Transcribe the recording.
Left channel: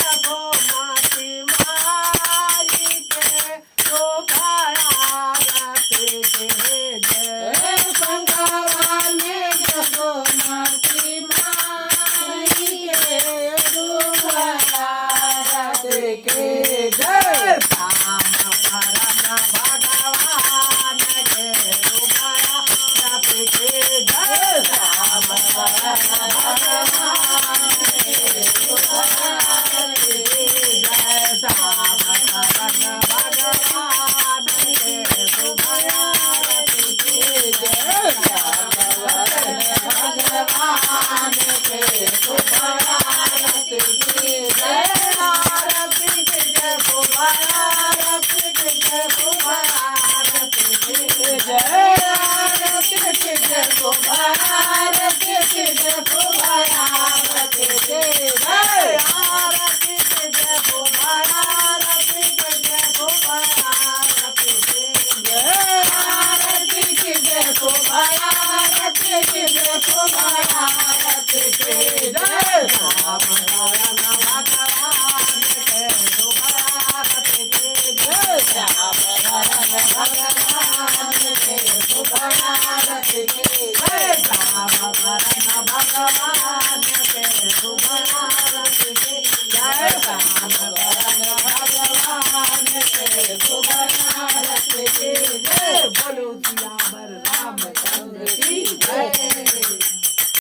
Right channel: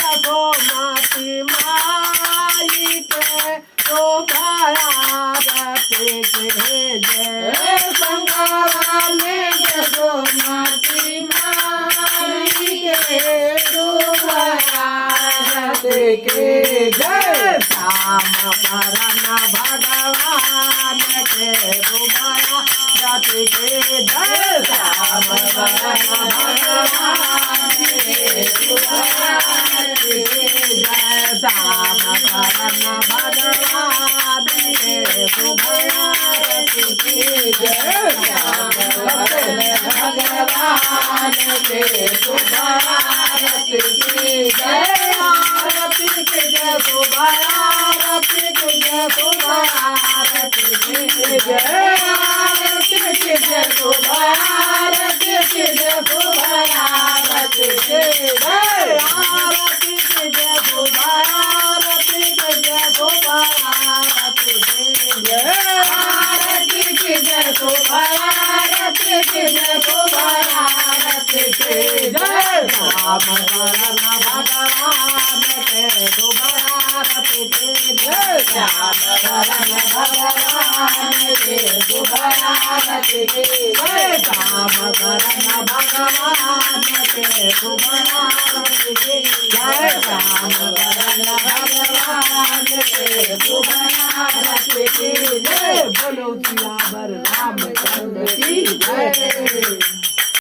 जगो माती माई के शोभायारती के जय संगवाने जगो माती माई के शोभायारती के जय श्याम परम भगवान के शोभायारती के जय श्याम परम भगवान के शोभायारती के जय श्याम परम भगवान के शोभायारती के जय श्याम भगवान के शोभायारती के जय आरती के जय शोभायारती के जय शोभायारती के जय आरती के जय शोभायारती के जय शोभायारती के जय आरती के जय शोभायारती के जय शोभायारती के जय आरती के जय शोभायारती के जय शोभायारती के जय राम परम भगवान के शोभायारती के जय श्याम परम भगवान के शोभायारती के